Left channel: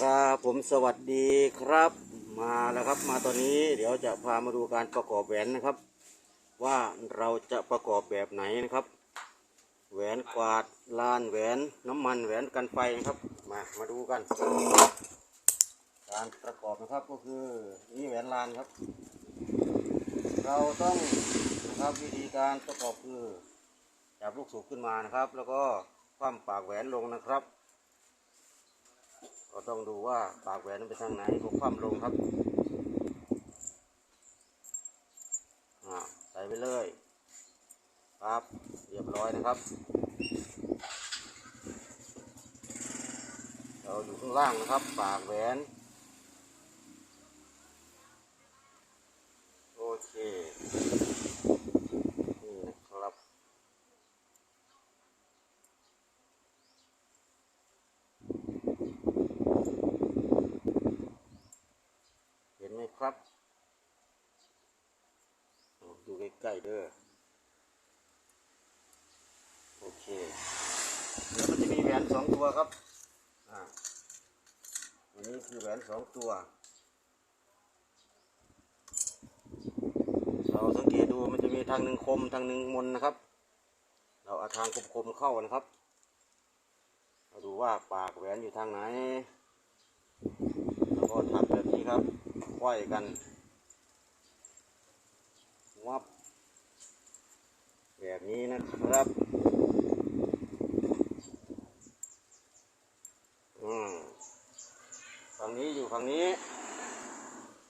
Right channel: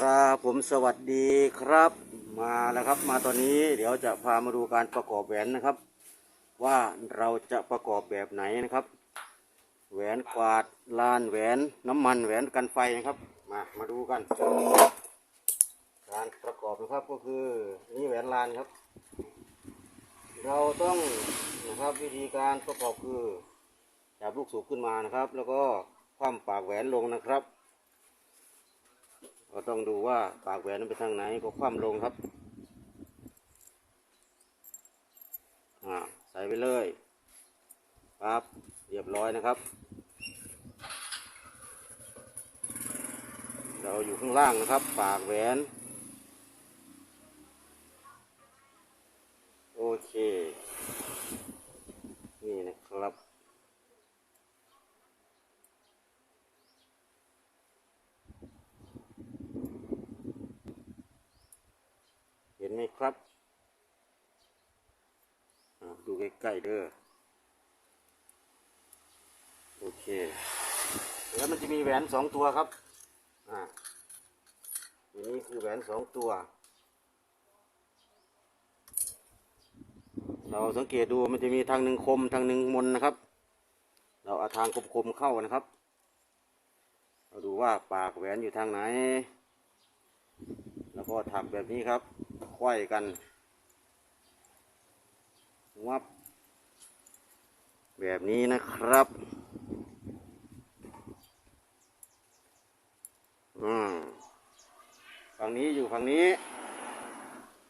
ครับผมสวัสดีครับมาแล้วครับ มาตอนนี้เดี๋ยวจะพามาดูการประกอบแหวนนะครับ ว่าเราจะประกอบแบบไหนนะครับ แหวนกวาดลานแหวนน้ำมันแหวนกันไฟนะครับมามาดูกัน การประกอบนะครับก็คือนี่แหวนลานครับ เราต้องนะครับวิธีการประกอบคือจับลูกสูบขึ้นมานะครับ แล้วก็คว่ำปากแหวนลงนะครับ ก็ต้องดูว่าปากแหวนนั้นไปทางไหนก็คว่ำลงครับใส่ไปเลยครับเรียบร้อยนะครับ เราอยู่ข้างล่างนะครับ ปากแหวน โอเค นี่นะครับ เห็นไหม ครับ ดูใกล้ๆเด้อ โอเค แล้วมันจะมีแหวนสองตัวครับ อ่าอันนี้คือแหวนสองตัว เราสังเกตดูมันจะมีทางหนึ่งคมทางหนึ่งมนนะครับ เราเอาทางคมๆเข้านะครับ เราดูว่าปากแหวนอยู่ทางไหน แล้วก็ถักแบบนี้ครับ ควยกันวับแบบนี้นะครับอืมฝั่งนี้อยู่ฝั่งนี้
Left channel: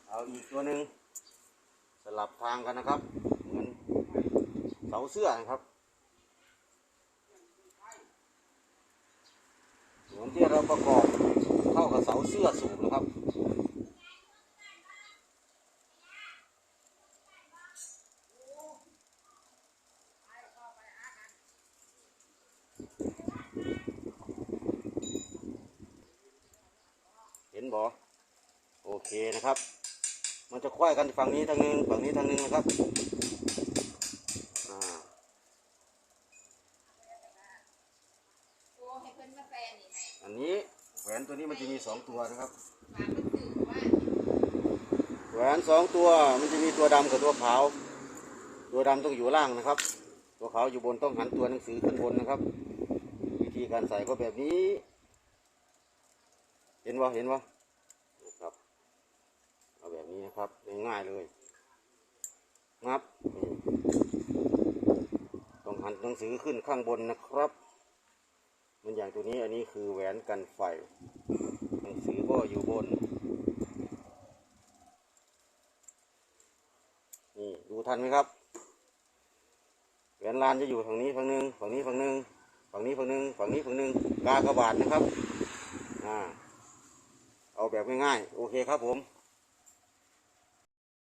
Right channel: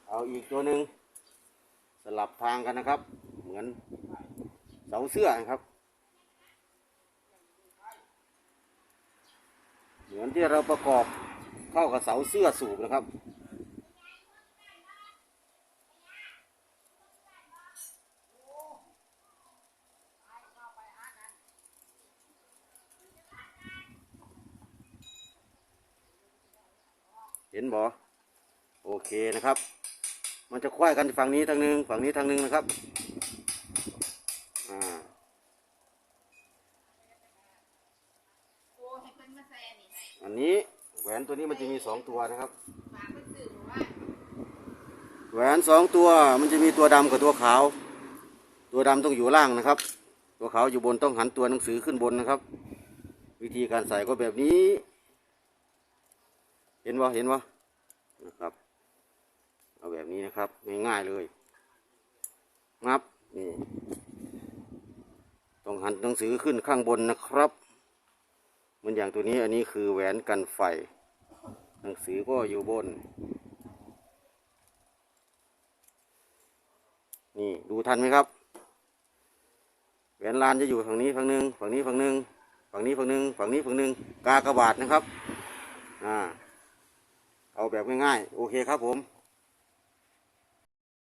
เอาอีกตัวหนึ่งสลับทางกันนะครับ เหมือนเสาเสื้อครับ เหมือนที่เราประกอบเข้ากับเสาเสื้อสูบนะครับ เห็นบ่โอเคนะครับ มันจะควายกันฝั่งนี้ทางหนึงฝั่งนี้ทางหนึงนะครับอ่าอันนี้แหวนตัวนี้มันจะมีสองตัวนะครับแหวนสองตัวมันจะมีตัวดำกับตัวขาว ตัวดำต้องอยู่ล่างนะครับ ตัวขาวอยู่บนต้องหันตัวหนังสือขึ้นบนนะครับ วิธีการใส่ก็แบบนี้ เห็นวะเห็นวะนะครับ เอาแบบนี้นะครับ ง่ายๆเลยงับนี่ต้องหันหนังสือขึ้นข้างบนนะครับเหมันอย่างตัวนี้อันนี้คือแหวนกันไฟ หนังสือก็อยู่บน นี่ดูทันไหมครับแหวนลานจะอยู่ฝั่งนี้ฝั่งหนึ่งฝั่งนี้ฝั่งหนึ่งฝั่งนี้ฝั่งหนึ่งฝั่งนี้ฝั่งหนึ่งกากระบาดนะครับ อ่า เอาแบบง่ายๆ โอเคครับผม